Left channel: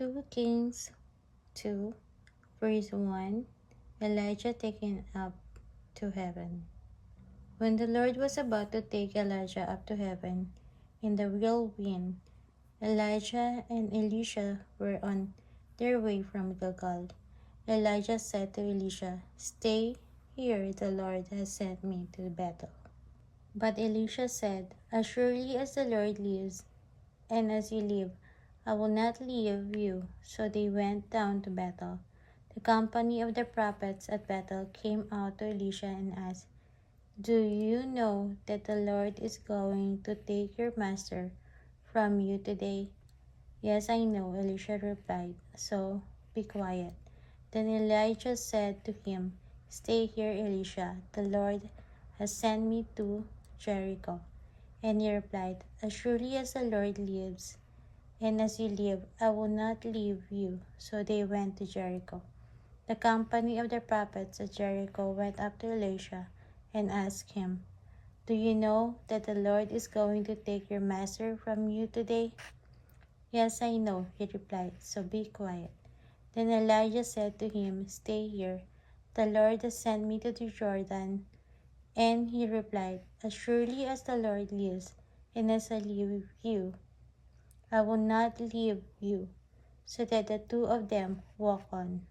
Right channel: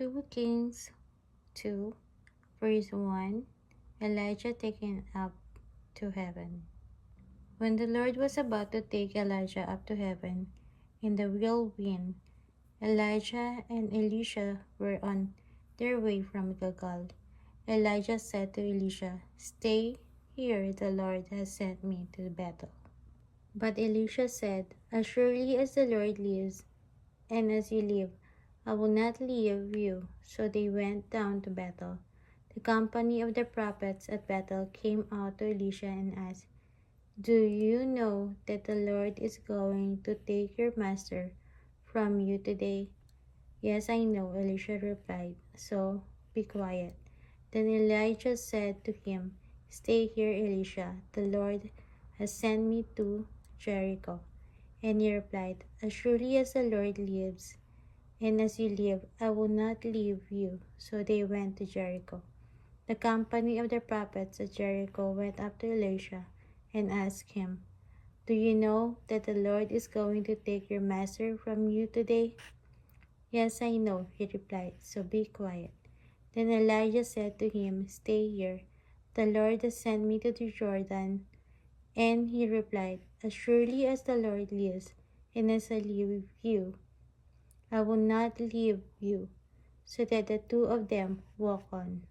2 Kings 2, verse 1, Elijah taken up to heaven. When the Lord was about to take Elijah up to heaven in the whirlwind, Elijah and Elisha were on their way from Gilgal. Elijah said to Elisha, "Stay here, the Lord has sent me to Bethel." But Elisha said, "As surely as the Lord lives, and as you live, I will not leave you." So they went down to Bethel. The company of the prophets at Bethel came out to Elisha and asked, "Do you know that the Lord is going to take your master from you today?" "Yes, I know," Elisha replied, "so be quiet." Then Elijah said to him, "Stay here, Elisha. The Lord has sent me to Jericho." And he replied, "As surely as the Lord lives, and as you live, I will not leave you." So they went to Jericho. The company of the prophets at Jericho went up to Elisha and asked him, "Do you know that the Lord is going to take your master from you today?" "Yes, I know," he replied, "so be quiet." Then Elijah said to him, "Stay here. The Lord has sent me to the Jordan." And he replied, "As surely as the Lord lives, and as I live with you, I will not leave you." So that the two of them walked on.